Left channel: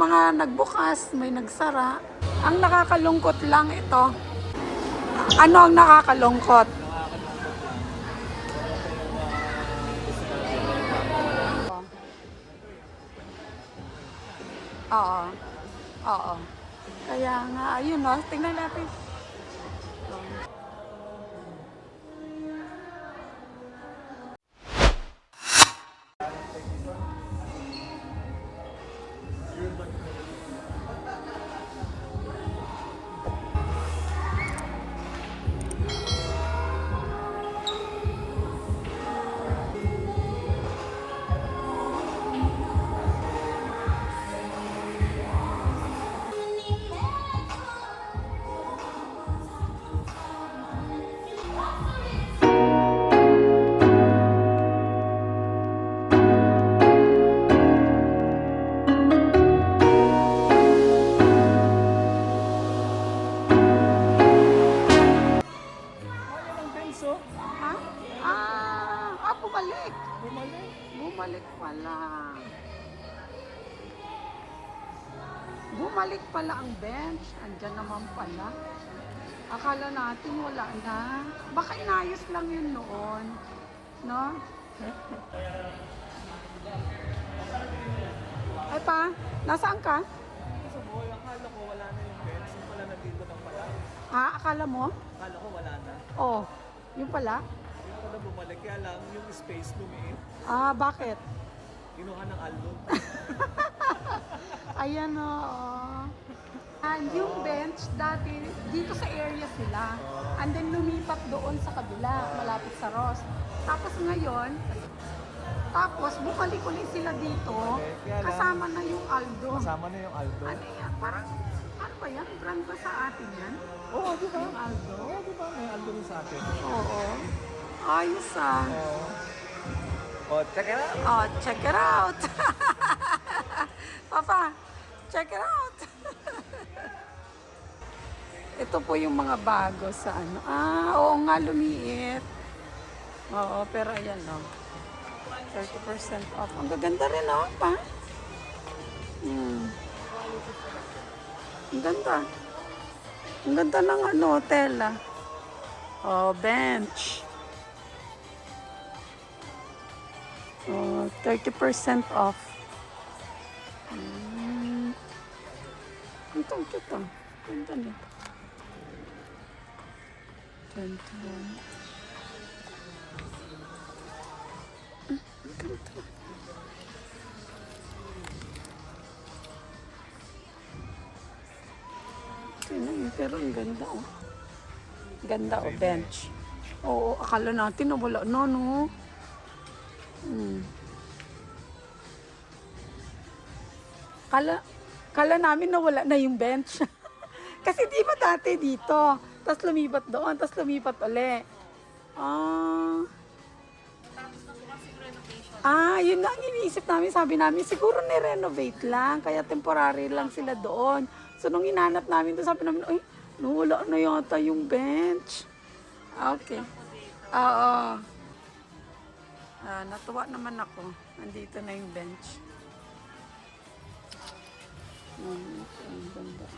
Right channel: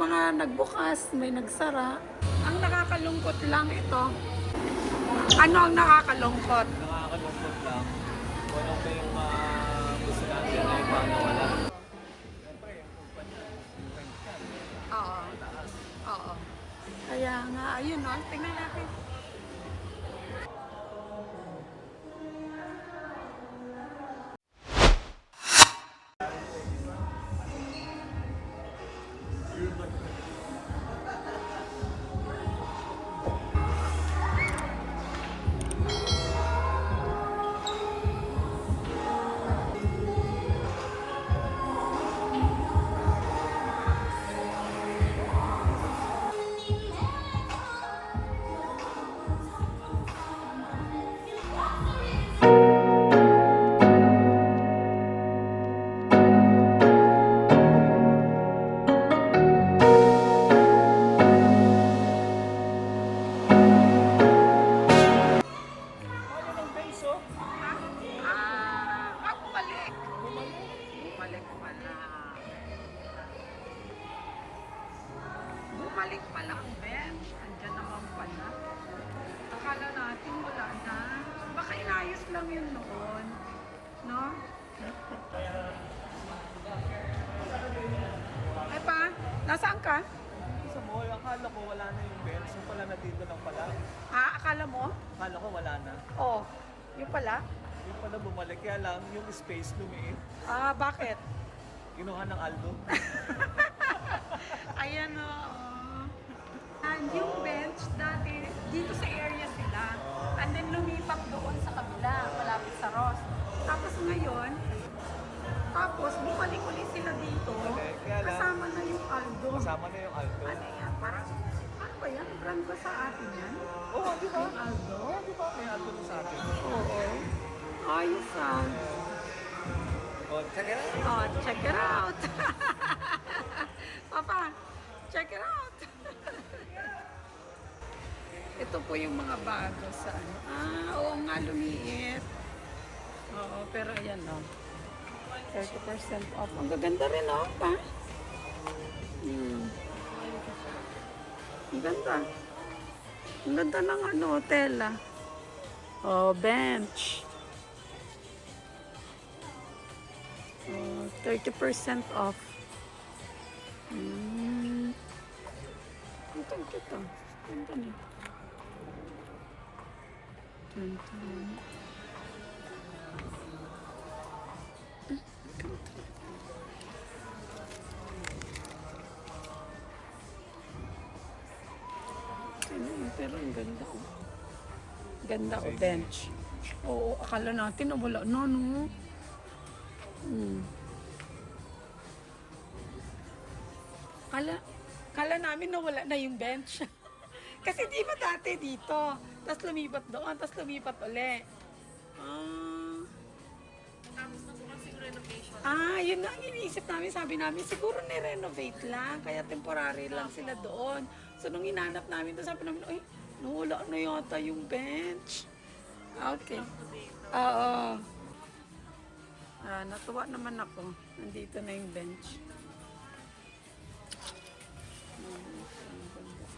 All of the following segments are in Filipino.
mga nagbukas, may nagsara. Ang nakakalungkot lang ito. Ano ang nakakalungkot? Nakakalungkot lang. Walang kayong gusto natin ay paano wala. Oo. Oo. Kaya nga, ayun o, tingnan natin. Ha? Bumalik. Bumalik pala. Bumalik pala ang bench. Andyan naman pala. Akala natin wala na. Baka inayos lang yun noon. No? Ay pa, nasaan ka? Sa mall, akala ko wala na yung bench. Yung pala nandito lang pala. Akala mo? Akala ko wala na. Oh, yun pala. Yung pala bumalik. Kaya lang yung space lumiit. Bakit? Kinuha ng Aldo. Ayan o. And yung bench, dati, dito sa area sila. And then lumipat doon sa kabila, malapit sa Ross. Tapos ngayon, bumalik ulit sila dito, kasama na yung Aldo. Kasama na yung Aldo. Ano yan? Parang, ano ba yan? Brand ba sa atin yan? Yung Aldo? Oo. Ayos ah. Oh, check it out. Oh, check it out. Papa, check it out. Ito po yung mga bago sa ano. Oo nga, lumiit. Oo, pero ayan o. 30% off. Ang gaganda rin o, pa. Ang ganda. Ang ganda ng ano, tela. Oh, bench. Oh, 30% off. Ito, ito. Ganda nito. 21. Ganda. Pero ang ganda oh. Ganda oh, bench. Oo, akala natin wala na, no? Kala namin na wala na yung bench. Kasi di ba dati dito? Tapos lumipat doon, tapos lumipat uli. Yun nga ang iniisip namin. Sabi namin, siguro ni-renovate lang. Kaya temporary lang sila doon. So, nung hinanap namin doon, sabi namin, ay, nawala na yata yung bench. Okay. Oo. Natuwa naman ako. Nandito na yung bench. Ang ganda.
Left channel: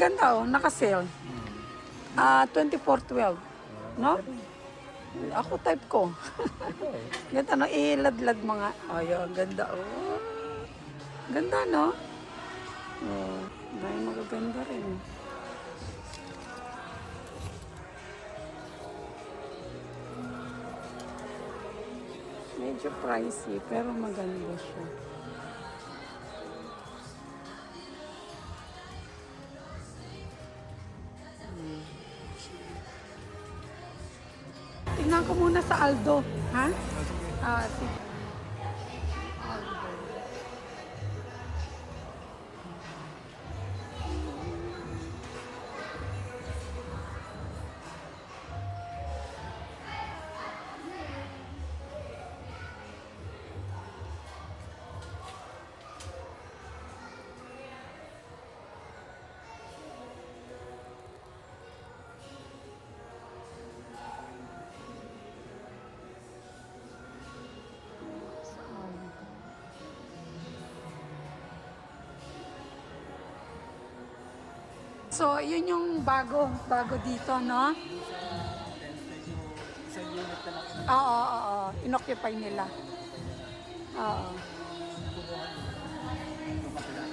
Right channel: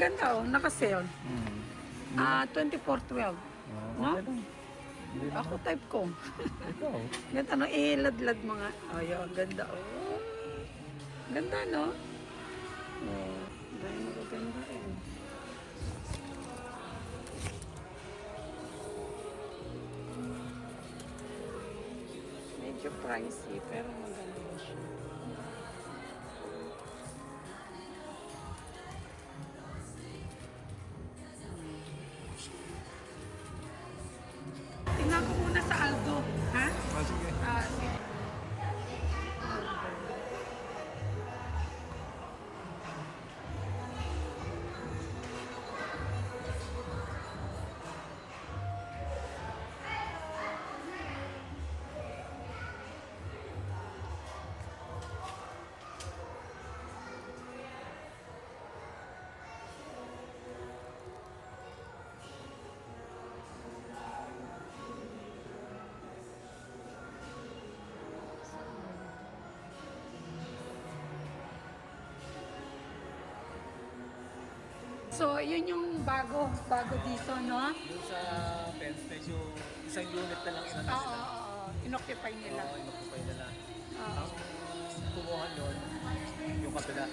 Ganda oh, naka-sale. 24.12. No? Ako type ko. Ganda no, iladlad mga. Ayun, ganda oh. Ganda no? Oh, dahil magaganda rin. Medyo pricey pero maganda siya. Tingnan ko muna sa Aldo, ha? Sige. Sige. Aldo. So, yun yung bago dito, no? Doon sa fence, medyo isang unit na lang Oo. Inoccupy nila. Inokupay na lang. Oo. Kumuha nun, yung kabila.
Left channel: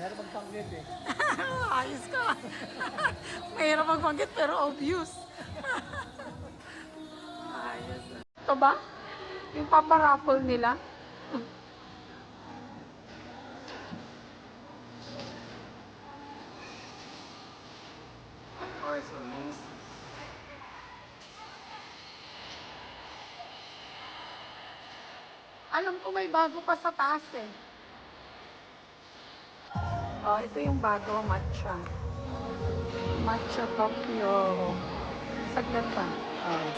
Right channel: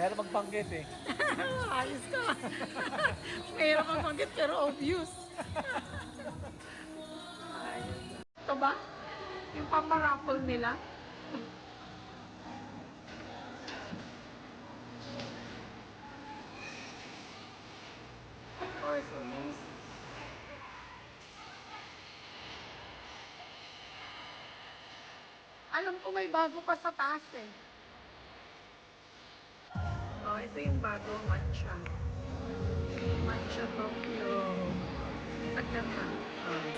Meron magbanggit eh. Ayos ka. Mahirap magbanggit pero obvious. Ayos. Ito ba? Yung paparaffle nila? Alam ko may bago pa sa taas eh. Oh, ito yung bago, matcha. Matcha Tokyo. Saglit pa. Oh.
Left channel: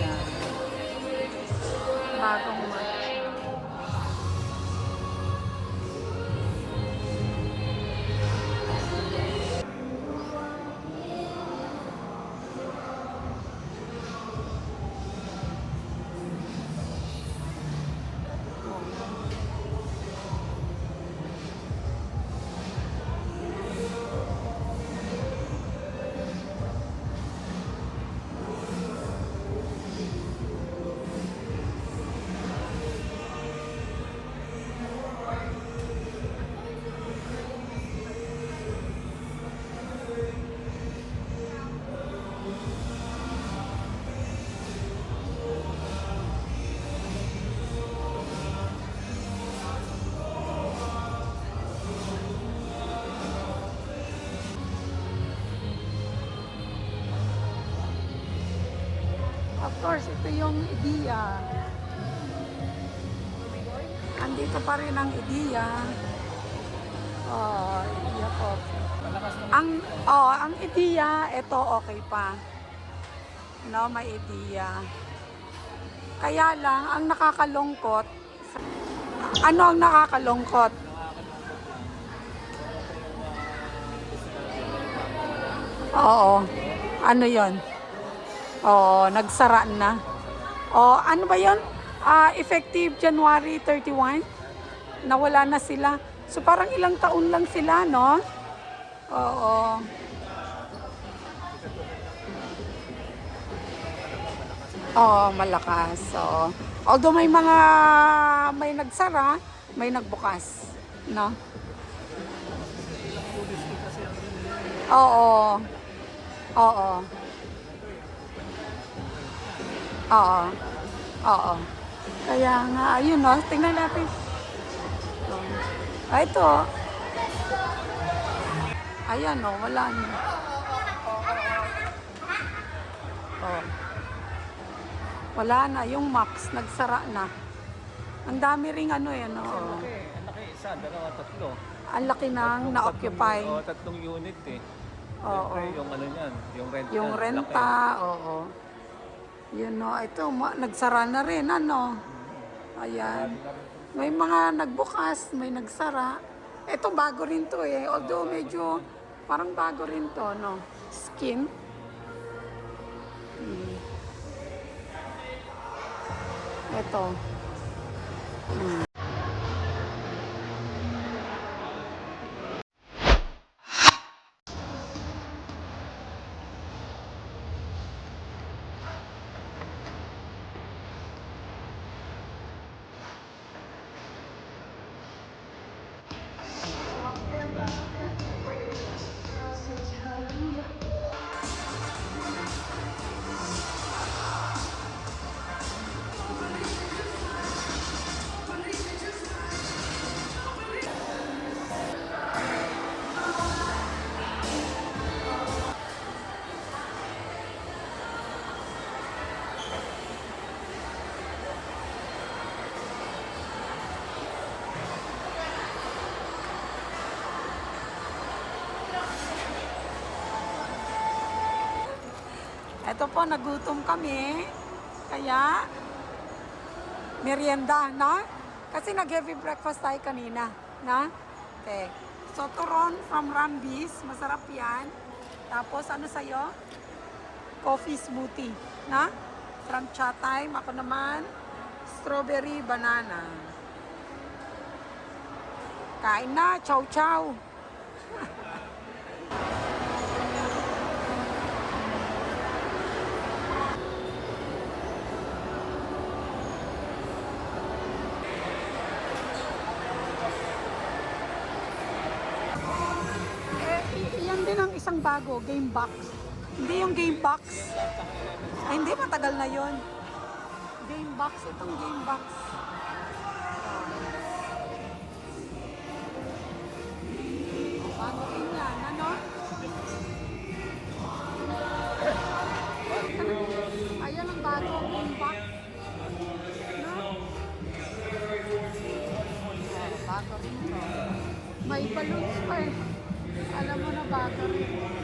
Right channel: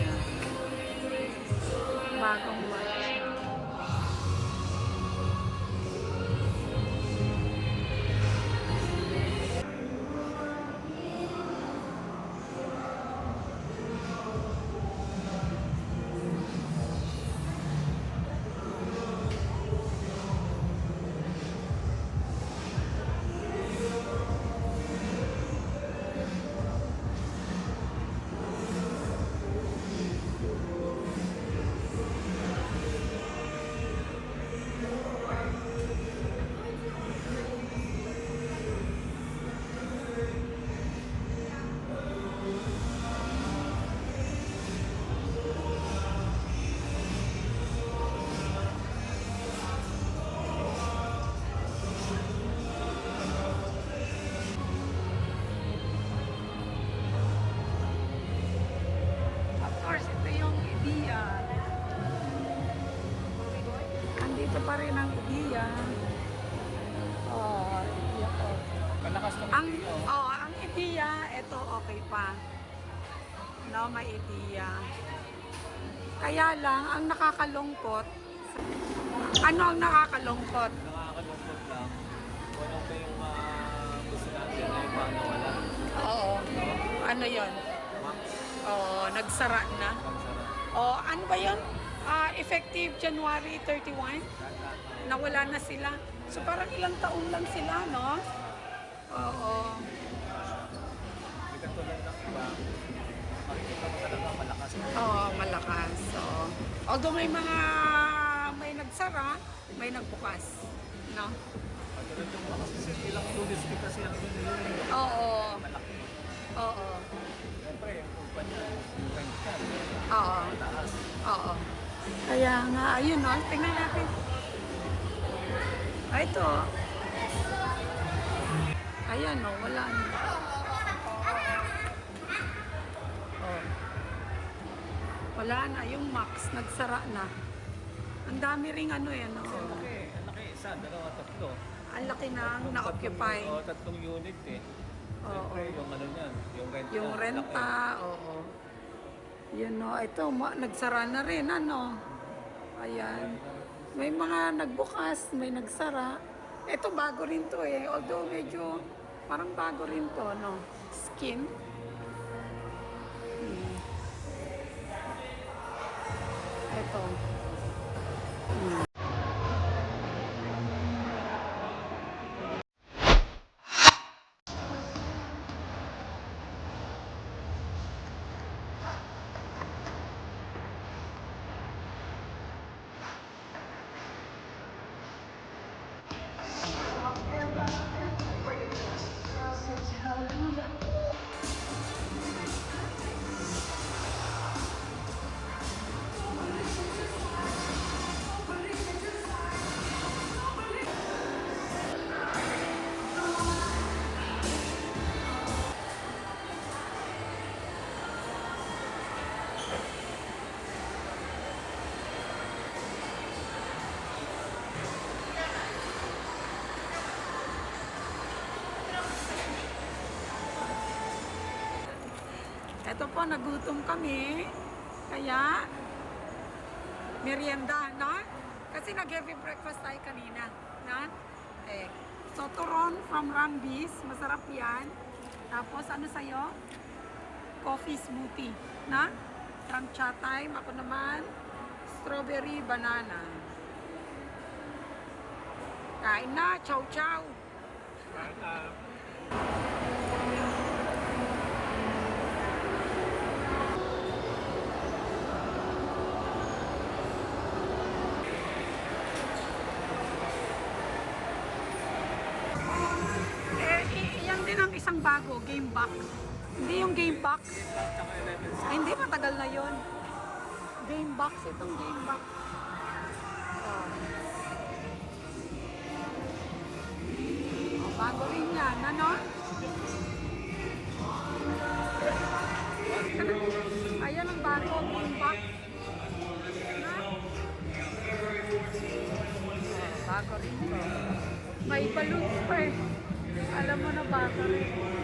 Yan. Bagong matcha. Of course, ito yung idea. Andito pa rin ang idea. Oh, idea coffee. Malakas tong Ang idea, ito okay pa. No, may idea. Kaya lang, ang nakakalungkot, ano ang nakakalungkot? nakakalungkot lang. Walang pa yung gusto natin ay pangawala. Oo. Ano yon? Oo, nagsara na. Oh, ano ba yon? Effective January 31? Nawala na sila. So parang ilang taon lang sila, no? Oo. Hindi katulad ng iba. Makikita mo talaga malakas. Oo, malakas. So, although may mga may nagsara, may nagbukas, no? Ilang unit kasi ang nililin. Oo. Oo. Siyempre, yung upan niya, yung rent niya. Oo. Taas. Oo. Kaya nga, ayun, no? Tingnan natin. Ito. Ayan, no? Wala na. Oh. Wala na. Yung Max, nagsara na. Ang dami ring ano yan, no? Oh. Okay, ang laki. Isa, dalawa, tatlo. Ang laki nang na-occupy. Tatlong unit eh. Oo. Siyempre, yung ano niyan, yung renta. Yung renta, oo. Yun, no? Ito, nagsara na rin, ano? Ayan. May mga nagbukas, may nagsara. Ito, bago rin to eh. Although medyo, parang bago rin to, no? Skin. Ito. Ito po, nagutom kami. Kaya, merienda, no? Kasi nag-heavy breakfast tayo kanina, na? Okay. So, turon from Rambis. Masarap yan. Tapos, ano sa'yo? Coffee smoothie, na? From Cha Time. Ako naman, strawberry banana. Kain na, chow chow. Yan din ang isang bago, game box. Hindi yung game box. Ay, hindi, matagal na yon. Game box, itong game box. Oh. Oh, bago rin yan, ano? Ayan ang bago, game box. No? Oh, bago rin to. May balloons pa eh. Alam mo na bago rin.